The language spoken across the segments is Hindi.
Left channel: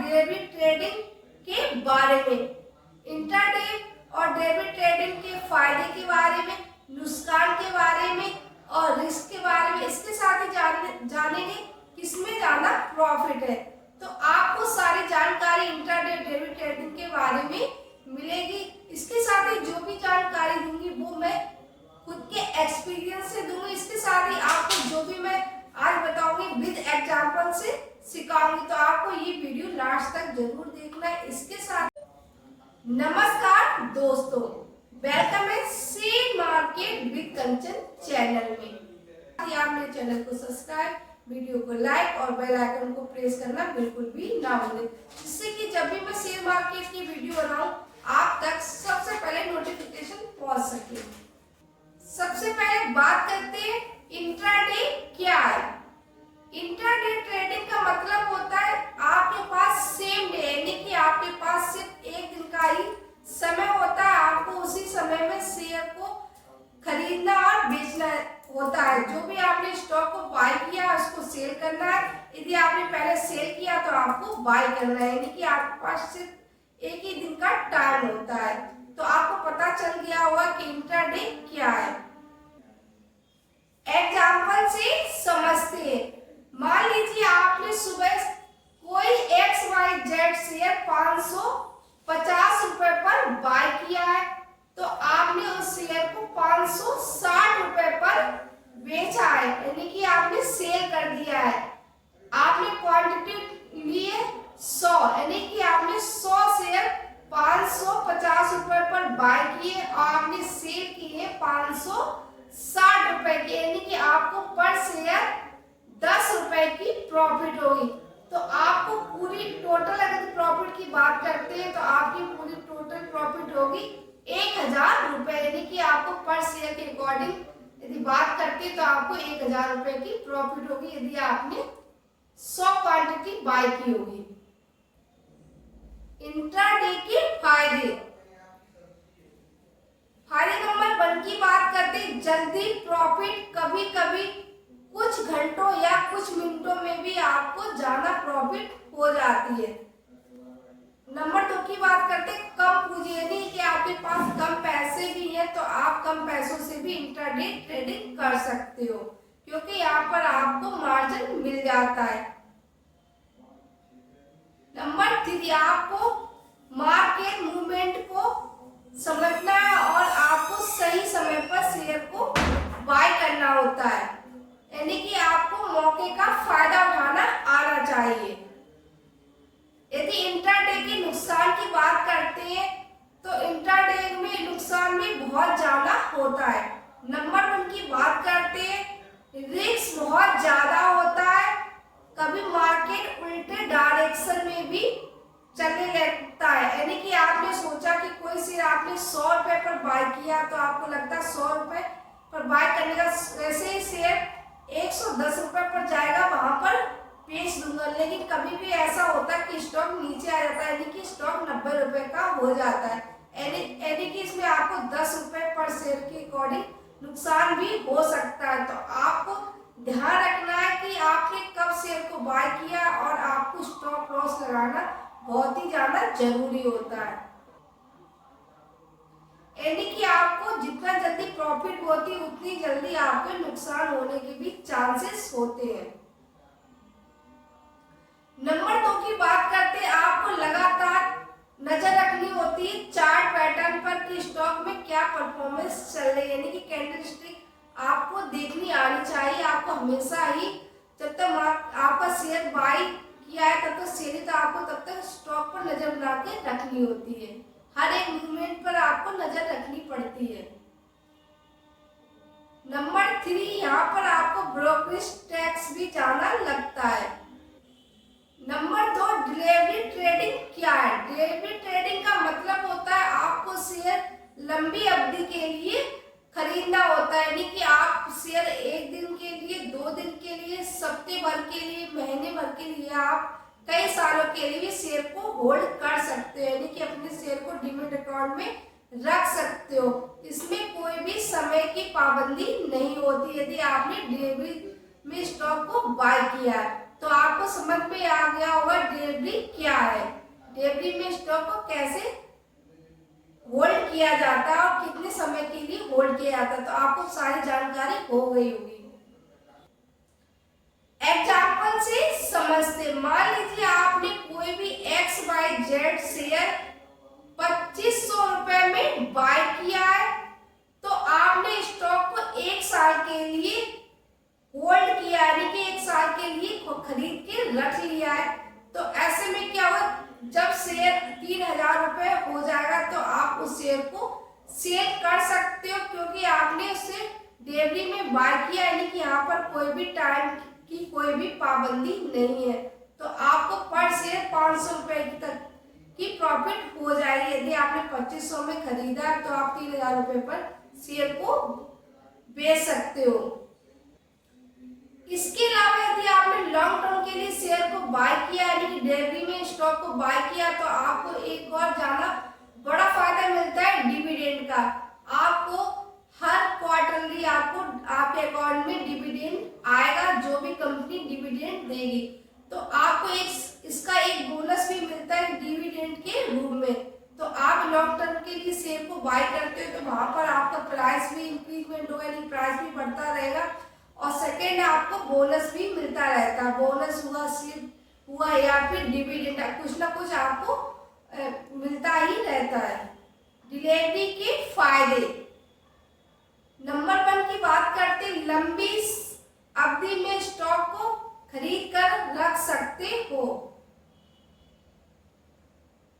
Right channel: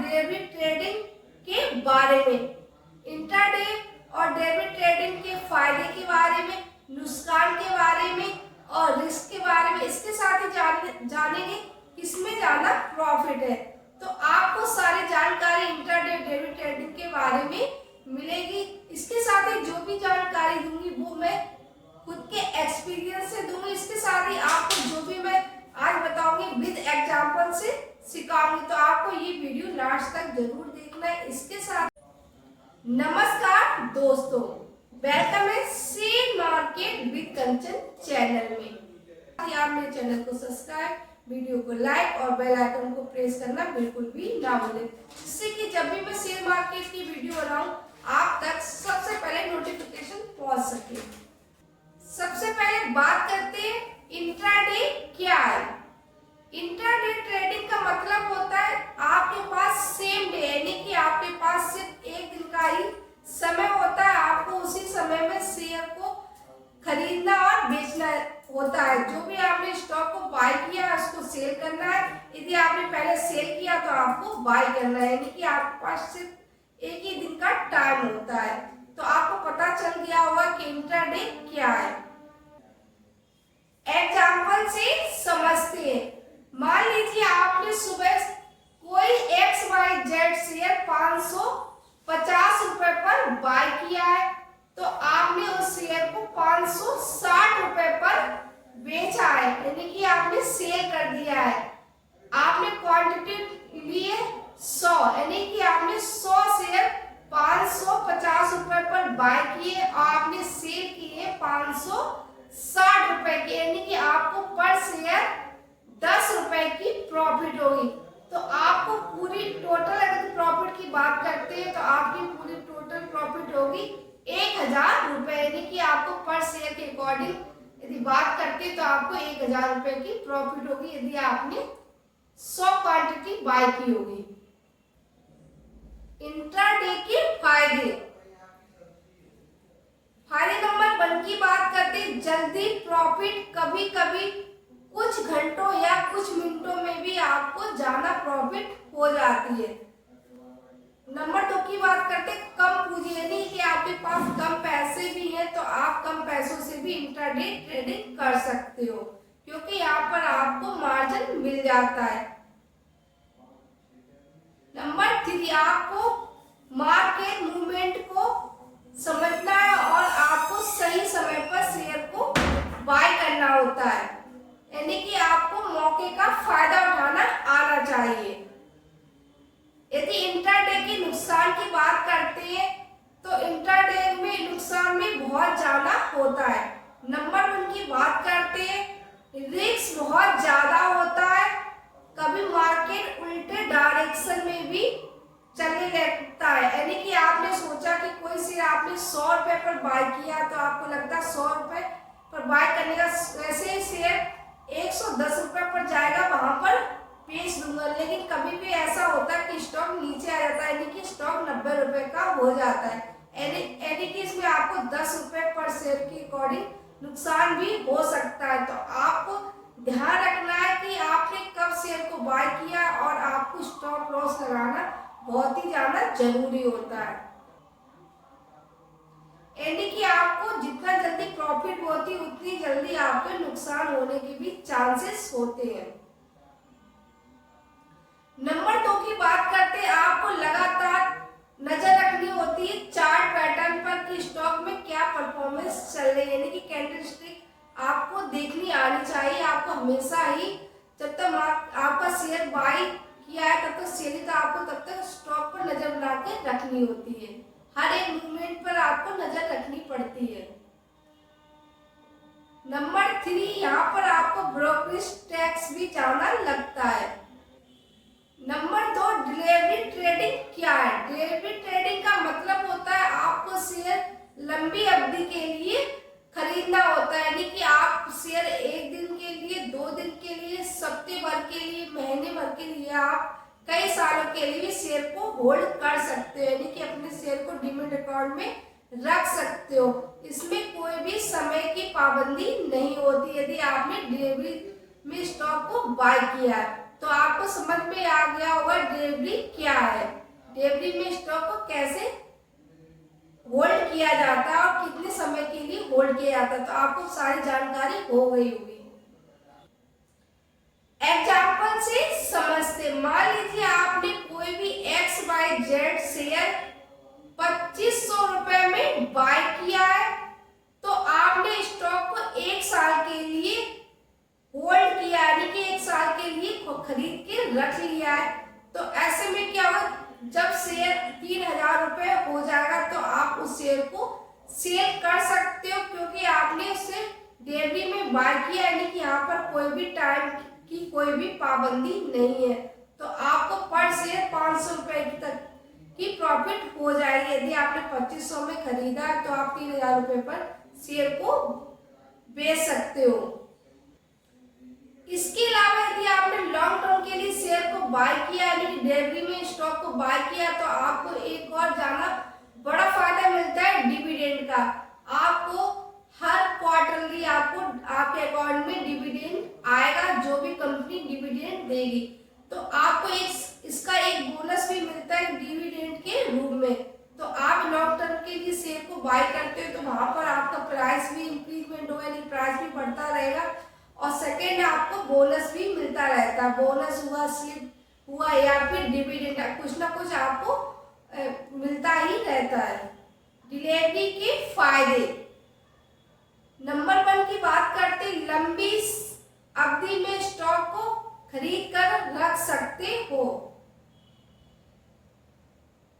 डेली ट्रेडिंग के बारे में, इंट्राडे और डेली ट्रेडिंग के फायदे के बारे में, नुकसान के बारे में और रिस्क के बारे में। इसके साथ ही जानेंगे किसमें ज्यादा प्रॉफिट है। तो आपको सारी जानकारी इंट्राडे डेली ट्रेडिंग के बारे में मिलेगी। इसके साथ ही जो भी जानकारी दूंगी वो मैं खुद के एक्सपीरियंस से दूंगी। इसके साथ ही आपको जो भी मैं आज बताऊंगी विद एग्जाम्पल से सिखाऊंगी। तो आपको ये वीडियो लास्ट तक जरूर देखना है। इसके साथ नमस्कार दोस्तों, वेलकम है share market with Kanchan channel में। आप मेरे चैनल को सब्सक्राइब, वीडियो को लाइक और बेल आइकन को प्रेस करना बिल्कुल भी ना भूलें, जिससे कि जब भी मैं शेयर मार्केट की वीडियो बनाऊं आप तक सबसे पहले नोटिफिकेशन पहुंच सके। सबसे पहले बात करते हैं इंट्राडे क्या है। इंट्राडे ट्रेडिंग का मतलब होता है आपके पास सेम डे, यानी कि आपके पास सिर्फ एक दिन का ही समय होता है। आपको उसी समय में शेयर को खरीदना और बेचना होता है। जो भी आपने स्टॉक को बाय किया उसको सेल करना है। यदि आपने पहले सेल किया तो आपको बाय करना है, यानी कि आपके पास सिर्फ एक ही दिन का टाइम होता है। तो आपको पता चल गया होगा कि इंट्राडे क्या है। एग्जाम्पल से समझते हैं। मान लीजिए आपने सुबह कोई XYZ शेयर 550 रुपए पर बाय किया है, तो आपने उस शेयर को 560 रुपए पर बेचा है, यानी कि आपने सेल कर दिया है। आपने क्वांटिटी लिए 100, यानी कि आपने 100 शेयर 550 रुपए पर बाय किए और आपने सेल किए 560 रुपए के, यानी कि आपको पर शेयर 10 रुपए की प्रॉफिट होगी। तो आपको पूरी टोटल अगर प्रॉफिट की बात करते हैं तो आपकी पूरी टोटल प्रॉफिट होगी 1000 रुपए, यानी कि आपको पर शेयर के अकॉर्डिंग यदि बात करते हैं तो आपको 1000 रुपए की प्रॉफिट होगी यदि आपने 100 क्वांटिटी बाय की होगी। इंट्राडे के फायदे नंबर 1 की बात करते हैं, जल्दी प्रॉफिट। कभी कभी कुछ घंटों या कुछ मिनटों में भी आपको ज्यादा प्रॉफिट हो जाती है। नंबर 2 की बात करते हैं, कम पूंजी, यानी कि आपके पास कम पैसे भी हैं तो आप कम पैसों से भी इंट्राडे ट्रेडिंग कर सकते हो, क्योंकि यहाँ पर आपको मार्जिन मिल जाता है। नंबर 3, आपको मार्केट मूवमेंट को समझना है और आपको सही समय पर शेयर को बाय करना होता है, यानी कि आपको मौके का फायदा उठाना आना चाहिए। यदि इंट्राडे के नुकसान की बात करते हैं तो इंट्राडे में नुकसान भी बहुत ज्यादा होता है। नंबर 1 की बात करते हैं, रिस्क बहुत ज्यादा होता है। कभी मार्केट उल्टे डायरेक्शन में भी चलने लगता है, यानी कि आपने सोचा कि कोई शेयर आपने 100 रुपए पर बाय किया तो आपको लगता है 100 रुपए पर बाय करने का, वैसे ही शेयर 110 रुपए पर जाएगा, वहां पर बेच दूंगा। लेकिन कभी भी ऐसा होता है कि स्टॉक नीचे आ जाता है, यानी कि स्टॉक 90 रुपए का हो जाता है, यानी कि इसमें आपको 10 रुपए पर शेयर के अकॉर्डिंग नुकसान भी हो सकता है। तो आपको ध्यान रखना है कि आपने कब शेयर को बाय किया और आपको स्टॉप लॉस लगाना बहुत ही ज्यादा जरूरी होता है, यानी कि आपको जितना जल्दी प्रॉफिट होती है उतनी जल्दी आपके नुकसान होने के भी चांसेस होते हैं। नंबर 2 की बात करते हैं, आपको लगातार नजर रखनी होती है चार्ट पैटर्न पर कि स्टॉक में क्या परफॉर्मेंस चल रही है, यानी कि कैंडलस्टिक आपको देखनी आनी चाहिए। आपको हमेशा ही जब तक आपका शेयर बाय किया है तब तक सेल, तो आपको तब तक स्टॉक पर नजर बना के रखनी होती है। हर एक मूवमेंट पर आपको नजर रखनी पड़ती है। नंबर 3, यहाँ पर आपको ब्रोकरेज टैक्स भी ज्यादा लगता है। नंबर 2, डिलीवरी ट्रेडिंग क्या है। डिलीवरी ट्रेडिंग का मतलब होता है आपको शेयर लंबी अवधि के लिए खरीदना होता है, यानी कि आप शेयर एक दिन के लिए, 2 दिन के लिए, सप्ताह भर के लिए, महीने भर के लिए, आप कई सालों के लिए भी शेयर को होल्ड कर सकते हो, यानी कि अपने शेयर को डीमैट अकाउंट में रख सकते हो। इसमें कोई भी समय की पाबंदी नहीं होती यदि आपने डिलीवरी में स्टॉक को बाय किया है। तो आपको समझ में आ गया होगा डिलीवरी क्या है, डिलीवरी में स्टॉक को कैसे होल्ड किया जाता है और कितने समय के लिए होल्ड किया जाता है। तो आपको सारी जानकारी हो गई होगी। एग्जाम्पल से समझते, मान लीजिए आपने कोई भी XYZ शेयर 2500 रुपए में बाय किया है, तो आपने स्टॉक को 1 साल के लिए होल्ड किया, यानी कि 1 साल के लिए खरीद के रख लिया है। तो ऐसे में क्या होगा, जब शेयर 3000 रुपए हो जाएगा तो आप उस शेयर को सेल कर सकते हो, क्योंकि आपने उससे डिलीवरी में बाय किया, यानी कि यहाँ पर कोई भी टाइम की कोई भी पाबंदी नहीं है। तो आपको पर शेयर 500 रुपए तक की प्रॉफिट हो जाएगी। यदि आपने 2500 में खरीदा है तो आप 3000 रुपए पर शेयर को बेच सकते हो। इसके अलावा यदि आपने लॉन्ग टर्म के लिए शेयर को बाय किया, यानी कि डिलीवरी में स्टॉक को बाय किया, तो आपको एक और ज्यादा बड़ा फायदा मिलता है डिविडेंड का। आपको हर क्वार्टरली आपको आपके अकाउंट में डिविडेंड आएगा, जो भी कंपनी डिविडेंड देगी। तो आपको इसका एक बोनस भी मिलता है डिविडेंड के रूप में। तो आप लॉन्ग टर्म के लिए शेयर को बाय करते हो तो वहां पर आपका प्राइस भी इंक्रीजमेंट होगा, यानी प्राइस भी बढ़ता रहेगा। और सेकेंड, आपको बोनस भी मिलता रहता है, बोनस हुआ, स्लिप हुआ या फिर डिविडेंड, कुछ ना कुछ आपको मिलता ही रहता है। डिलीवरी के फायदे, नंबर 1 की बात करते, लंबी अवधि में स्टॉक को खरीद कर रख सकते हो।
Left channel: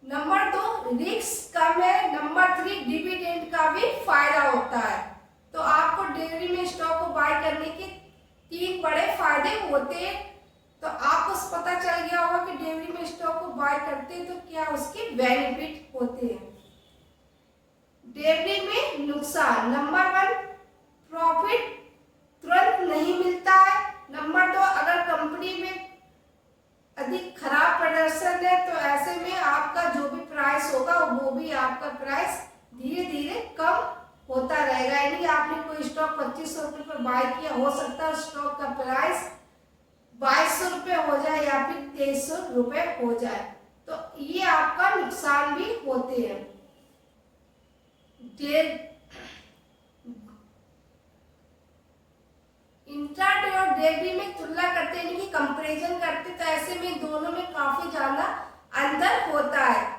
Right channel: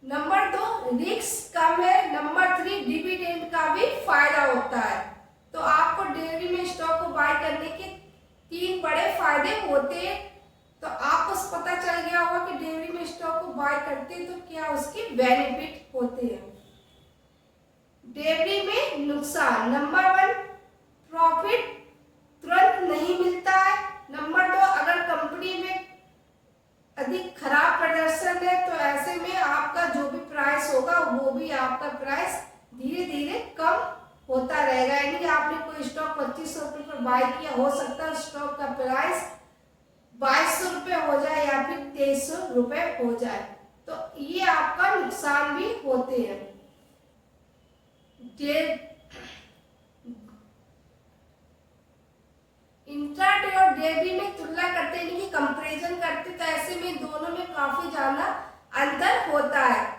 नंबर 2, रिस्क कम है। नंबर 3, डिविडेंड का भी फायदा होता है। तो आपको डिलीवरी में स्टॉक को बाय करने के 3 बड़े फायदे होते हैं। तो आपको पता चल गया होगा कि डिलीवरी में स्टॉक को बाय करते हैं तो क्या उसके बेनिफिट होते हैं। डिलीवरी में नुकसान, नंबर 1, प्रॉफिट तुरंत नहीं मिलता है। नंबर 2, अगर कंपनी में अधिक खराब प्रदर्शन है तो ऐसे में आपका जो भी प्राइस होगा वो भी आपका प्राइस धीरे धीरे कम होता रहेगा। यानी आपने कोई स्टॉक 2500 रुपये पर बाय किया, हो सकता है स्टॉक का प्राइस 2200 रुपये हो जाए या फिर 2300 रुपये हो जाए। तो ये आपका नुकसान भी होते हैं। इंट्राडे और डिलीवरी में तुलना करते हैं, यानी कि कंपैरिजन करते, तो ऐसे में दोनों में काफी ज्यादा अंतर होता है।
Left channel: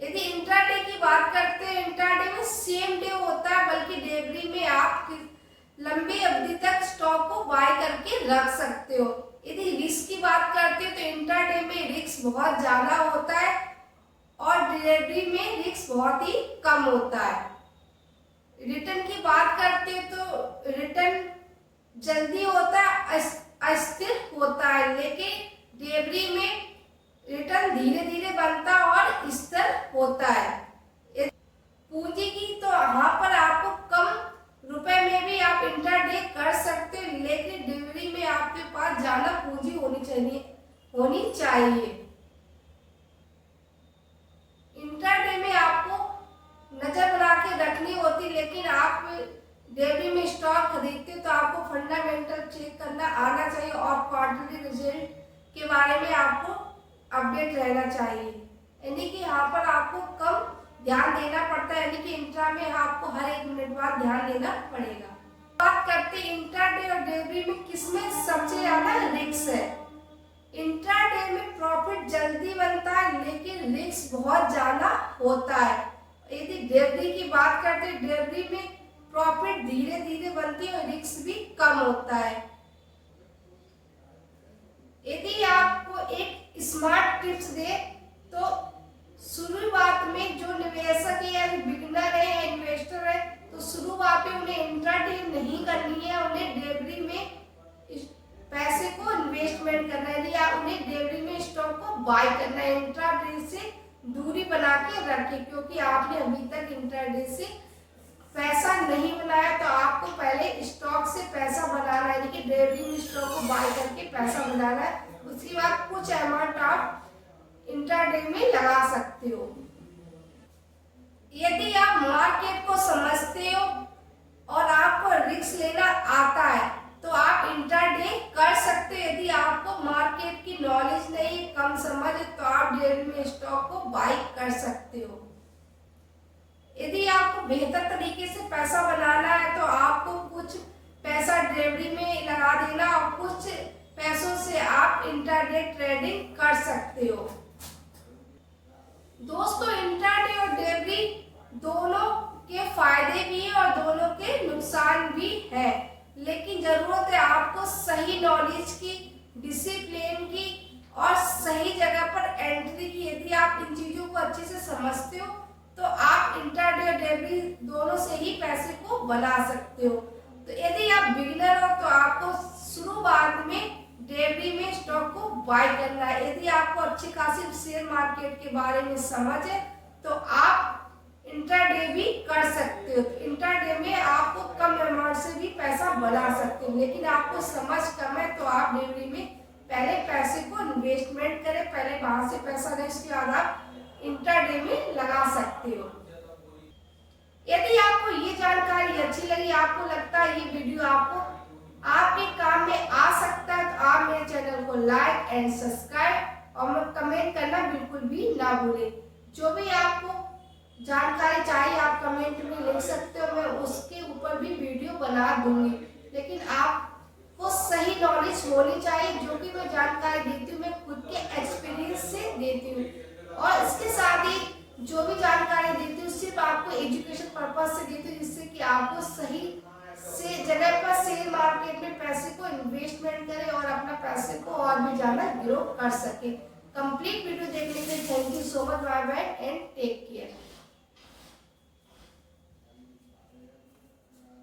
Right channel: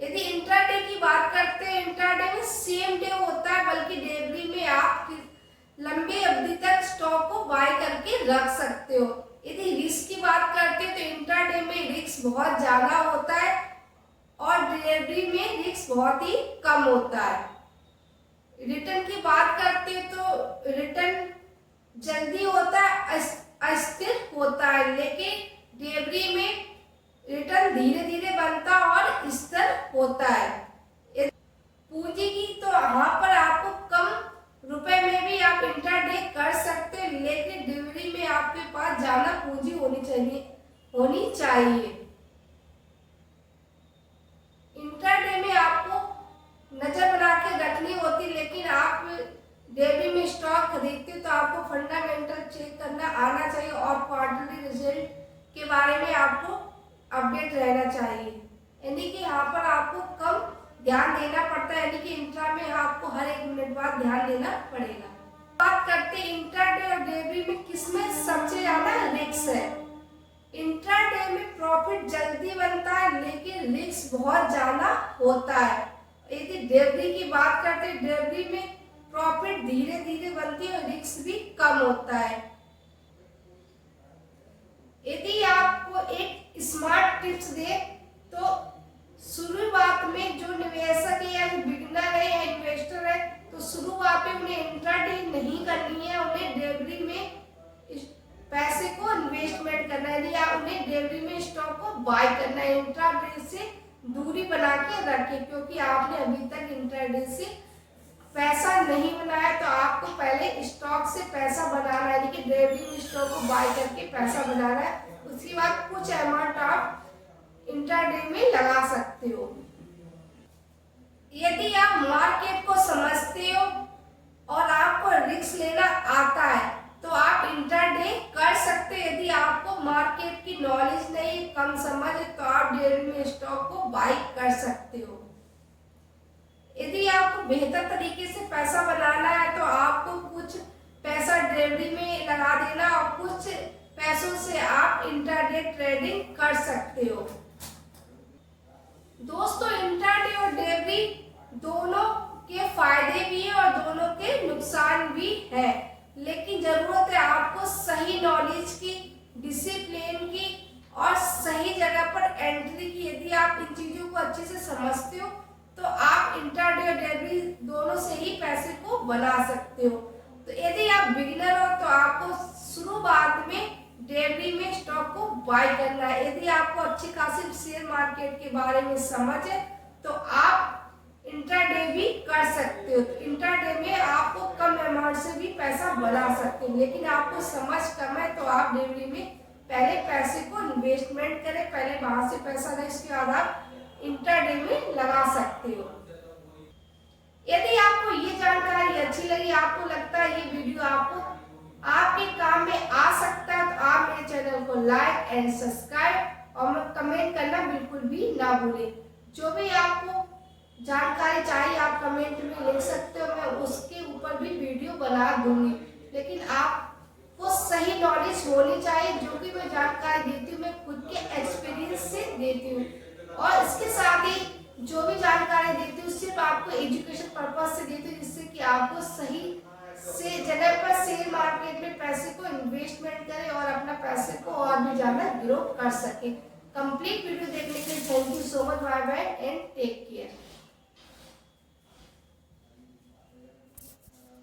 यदि इंट्राडे की बात करते हैं, इंट्राडे में सेम डे होता है, बल्कि डिलीवरी में आप लंबी अवधि तक स्टॉक को बाय करके रख सकते हो। यदि रिस्क की बात करते हैं तो इंट्राडे में रिस्क बहुत ज्यादा होता है और डिलीवरी में रिस्क बहुत ही कम होता है। रिटर्न की बात करते हैं तो रिटर्न जल्दी होता है, अस्थिर होता है, लेकिन डिलीवरी में रिटर्न धीरे धीरे बनता और स्थिर होता है। पूंजी की तो यहाँ पर आपको कम रुपए में भी आप इंट्राडे कर सकते हैं, लेकिन डिलीवरी में आपके पास ज्यादा पूंजी होनी चाहिए। इंट्राडे में आपको नजर बना के रखनी होती, लेकिन आप डिलीवरी में स्टॉक खरीदते हो तो आपको फंडामेंटल चेक करना आना चाहिए और क्वार्टरली रिजल्ट के बारे में आपको अपडेट रहना चाहिए। यानी कि यहाँ पर आपको कम ध्यान देना पड़ता है, यानी कि इंट्रा में आपको हर 1 मिनट बाद ध्यान देना पड़ेगा। बात करते हैं इंट्राडे और डिलीवरी में किसमें सबसे ज्यादा रिस्क है। इंट्राडे में प्रॉफिट जल्दी बनता है, लेकिन रिस्क बहुत ज्यादा होता है। यदि डिलीवरी की बात करते हैं, डिलीवरी में प्रॉफिट धीरे धीरे बनती है और रिस्क भी कम होता है। यदि आपको एक स्मार्ट टिप्स दे तो शुरुआत में जो निवेशक है या बिगिनर है या इन्वेस्टर है, तो शुरुआत में उन्हें इंट्राडे नहीं करनी है, उन्हें डिलीवरी में पैसे को इन्वेस्टमेंट करना है या उन्हें डिलीवरी में स्टॉक को बाय करना है। इंट्राडे से दूरी बना के रखें, क्योंकि आपने अभी तक इंट्राडे से पैसा नहीं बनाया, तो आपको पहले स्टॉक से पैसा बनाना है, यानी कि डिलीवरी में स्टॉक को बाय करके पैसा बनाना है। उसके बाद कुछ अमाउंट आप इंट्राडे में लगा सकते हो। यदि आप मार्केट को समझते हो और आपको रिस्क लेना आता है तो आप इंट्राडे कर सकते हो। यदि की नॉलेज नहीं है, कम समझ है, तो आप डेयरी में स्टॉक को बाई कर सकते हो। यदि आपको बेहतर तरीके से पैसा बनाना है तो आपको कुछ पैसा डेयरी में लगा देना और कुछ पैसों से आप इंट्राडे ट्रेडिंग कर सकते हो। दोस्तों, इंट्राडे और डेयरी दोनों के फायदे भी हैं और दोनों के नुकसान भी है, लेकिन जरूरत है आपको सही नॉलेज की, डिसिप्लिन की और सही जगह पर एंट्री की। यदि आप इन चीजों को अच्छे से समझते हो तो आप इंट्राडे और डेयरी दोनों से ही पैसे को बना सकते हो। तो यदि आप बिगिनर हो तो आपको शुरुआत में डेयरी में स्टॉक को बाय करना है। यदि आपको अच्छी खासी शेयर मार्केट के बारे में समझ है तो आप इंट्राडे भी कर सकते हो। तो इंट्राडे में आपको कम अमाउंट से भी पैसा बना सकते हो, लेकिन आपको समझ कम है तो आप डेयरी में पहले पैसे को इन्वेस्टमेंट करें, पहले वहां से पैसा लें, उसके बाद आप इंट्राडे में लगा सकते हो। यदि आपको ये जानकारी अच्छी लगी, आपको लगता है ये वीडियो आपको आपके काम में आ सकता है, तो आप मेरे चैनल को लाइक एंड सब्सक्राइब और कमेंट करना बिल्कुल भी ना भूलें। जो भी आपको जानकारी चाहिए आप कमेंट में लिख सकते हो, मैं उसके ऊपर भी वीडियो बना दूंगी। लेकिन आपको सही नॉलेज होनी चाहिए। जो कि मैं जानकारी देती हूँ मैं खुद के एक्सपीरियंस से देती हूँ, और इसके साथ ही जो भी जानकारी देती हूँ सिर्फ आपको एजुकेशन पर्पज से देती हूँ, जिससे कि आपको सही से जगह पर शेयर मार्केट में पैसे को इन्वेस्टमेंट करें और अपना पैसे को और भी ज्यादा ग्रो कर सके। कंप्लीट वीडियो देखने के लिए thank you so much. Bye bye and take care.